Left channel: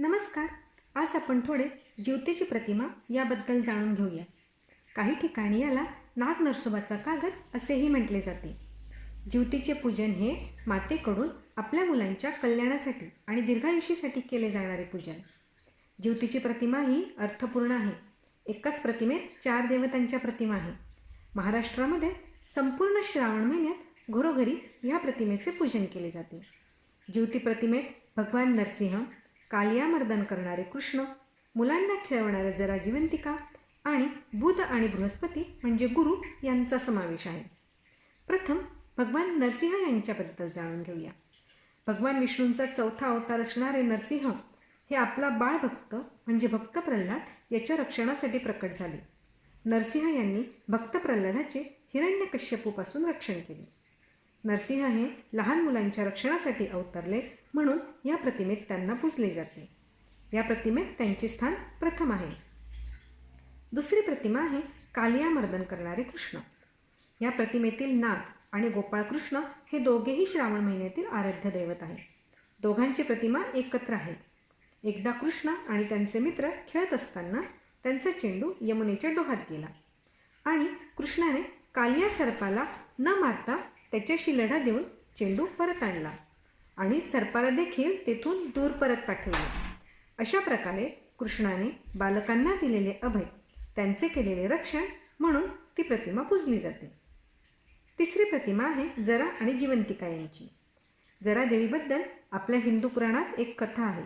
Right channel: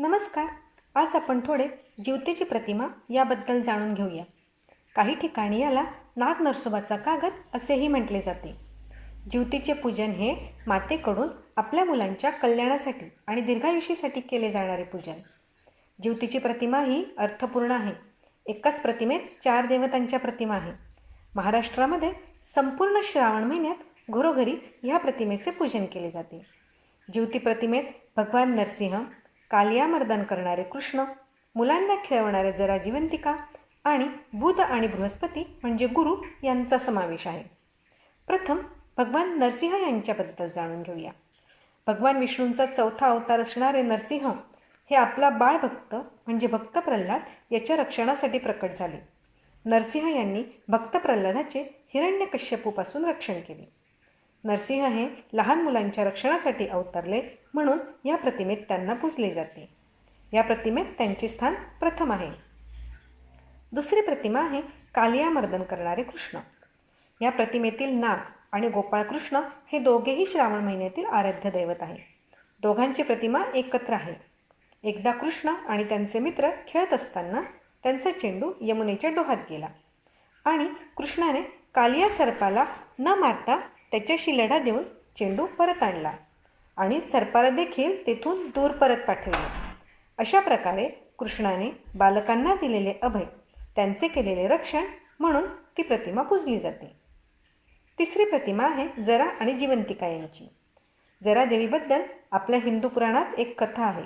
नमस्कार. आज आपण थोडे जीवतेची प्रतिमा याबद्दल जाणून घेऊया. काही ठिकाणी याला नाग नरसोबाचा कागद असेही म्हटले जाते. जिवतीचे पूजन हे मातेकडून आपल्या मुलांच्या कल्याणासाठी आणि दीर्घायुष्यासाठी केले जाणारे पूजन. जिवतीची प्रतिमा ही अर्थपूर्ण आहे. एकाच प्रतिमेत चार देवतांच्या प्रतिमा आहे. महाराष्ट्रामध्ये संपूर्ण श्रावण महिन्यात घरोघरी ह्या प्रतिमेचे पूजन केले जाते. ज्योती प्रतिमेत भगवान नरसिंह कालियामर्दन करणारे कृष्ण मुलांना खेळवणारे जरा जिवंतिका आणि बुध आणि बृहस्पती म्हणजे गुरु यांचा समावेश आहे. प्रथम भगवान नरसिंह यांच्याबद्दल जाणून घेऊया. भगवान विष्णूंचा चौथा अवतार असणारे नरसिंह हे आपला बाळभक्त म्हणजे भक्त प्रल्हाद याच्या रक्षणासाठी प्रकट झाले. नरसिंह यांनी भक्त प्रल्हादाचे हिरण्यकश्यपूपासून रक्षण केले. नरसिंह हे लहान मुलांच्या रक्षणासाठी अवतरले म्हणून या प्रतिमेत त्यांना पूजले जाते. या प्रतिमेत त्यांचे स्थान प्रथम आहे. दुसरी प्रतिमा आहे कालियामर्दन करणारे कृष्ण. या प्रतिमेतील नाग आणि गोपाळकृष्ण हे दोघेही श्रावण महिन्यातील आराध्य दैवत आहे दोघांची प्रतिमा एकत्र आहे. एकदा कृष्ण आणि त्यांचे मित्र खेळत असताना त्यांचा चेंडू यमुनेच्या डोहात गेला आणि कृष्णाने कालिया सर्पाला न मारता त्याच्याशी लढा देऊन चेंडू परत आणला आणि सर्पाला देखील तेथून दूर परत पाठवले. अशा प्रकारे कृष्णाने बालकांना दिलेले अभय त्यांचे केलेले रक्षण म्हणून ती प्रतिमा पूजली जाते. तिसरी प्रतिमा आहे जरा आणि जिवंतिका यांची. जरा देवीबद्दल आपल्या हिंदू पुराणात एक कथा आहे.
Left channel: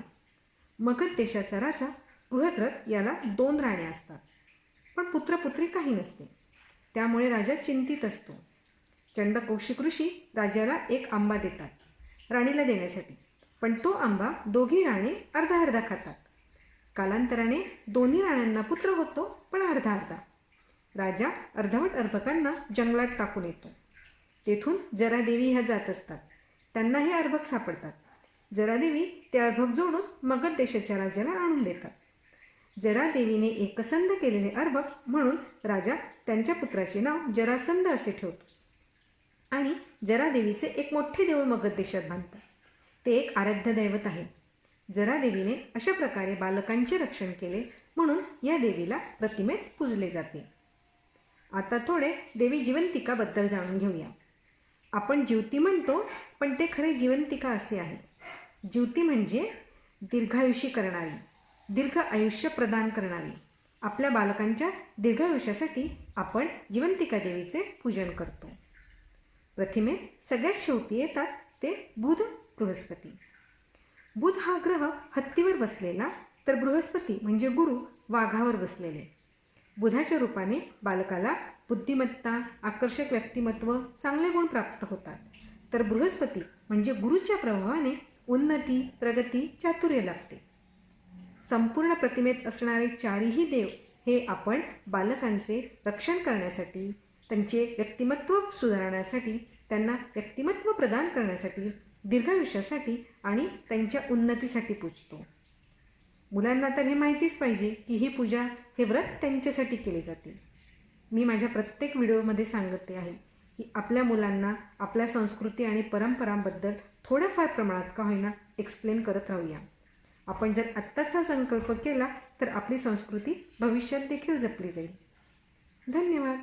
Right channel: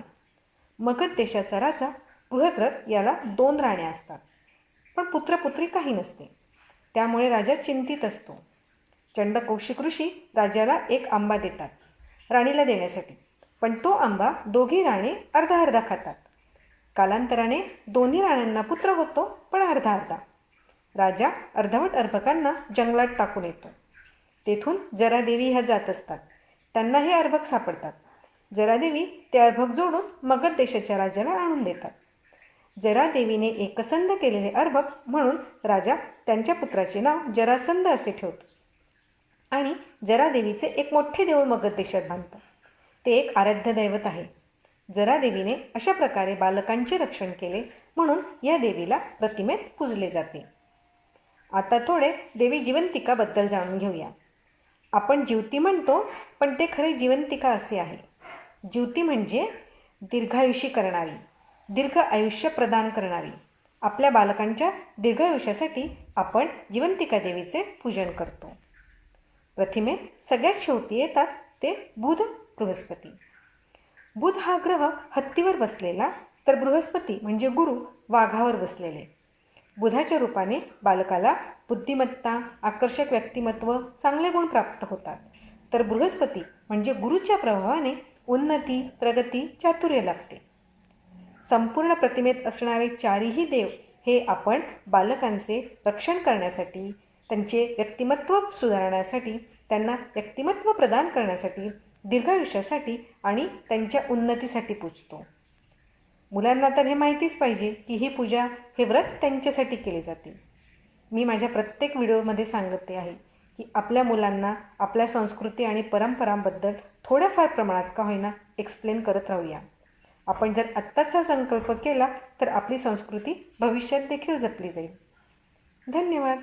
मगध देशाचा राजा बृहद्रथ याला दोन राण्या असतात पण पुत्रपुत्री काही नसते. त्यामुळे राजा चिंतित असतो. चंडकौशिक ऋषी राजाला एक आंबा देतात राणीला देण्यासाठी. पण तो आंबा दोघी राणे अर्धा अर्धा खातात. कालांतराने दोन्ही राण्यांना पुत्र होतो पण अर्धा अर्धा. राजा अर्धवट अर्भकांना जंगलात टाकून येतो. तेथून जरादेवी ह्या जात असतात. त्यांना हे अर्भक सापडतात. जरादेवी ते अर्भक जोडून मगध देशाच्या राजाला आणून देतात. जरादेवीने एकसंध केलेले अर्भक म्हणून राजा त्यांच्या पुत्राचे नाव जरासंध असे ठेवतो. आणि जरादेवीचे एक मोठे देऊळ मगध देशात बांधतं ते एक आराध्य दैवत आहे. जरादेवीने अशा प्रकारे बालकांचे रक्षण केले म्हणून या देवीला प्रतिमेत पूजले जाते. आता थोडे देवी जिवंतिकाबद्दल जाणून घेऊया. आपण ज्योती म्हणतो पण ते खरे जिवंतिका असे आहे. ज्योती म्हणजे दीर्घायुषी करणारी दीर्घ आयुष्य प्रदान करणारी. आपल्या बालकांच्या दीर्घायुष्यासाठी आपण जिवंतिका देवीचे पूजन करतो. प्रतिमेत सगळ्यात शेवटी येतात ते बुध बृहस्पती. बुध हा ग्रह हत्तीवर बसलेला तर बृहस्पती म्हणजे गुरु वाघावर बसलेले. बुधाच्या रूपाने बालकाला बुद्धिमत्ता आकर्षक व्यक्तिमत्व चांगले गुण प्राप्त होतात. तर बृहस्पती म्हणजे गुरुच्या प्रभावाने उन्नती प्रगती चातुर्य लागते संपूर्ण प्रतिमेत असणारे चारही देव हे आपण बालकांचे रक्षण करण्यासाठी त्यांचे व्यक्तिमत्व सुधारण्यासाठी त्यांना व्यक्तिमत्व प्रदान करण्यासाठी दीर्घायुष्यासाठी आणि त्यांच्या उन्नतीसाठी पूजतो. मुलांना तर हे माहितीच पाहिजे की ही पूजा हे व्रत त्यांच्यासाठी केले जाते. मी माझ्या प्रत्येक व्हिडिओमध्ये सांगते आहे की आपल्या मुलांना आपल्या संस्कृती आणि परंपरांबद्दल थोड्याफार प्रमाणात का होईना एक्सप्लेन करत राहूया. आपण जर आत्ताच हा संकल्प केला तर आपली संस्कृती भविष्यात देखील जपली जाईल. धन्यवाद.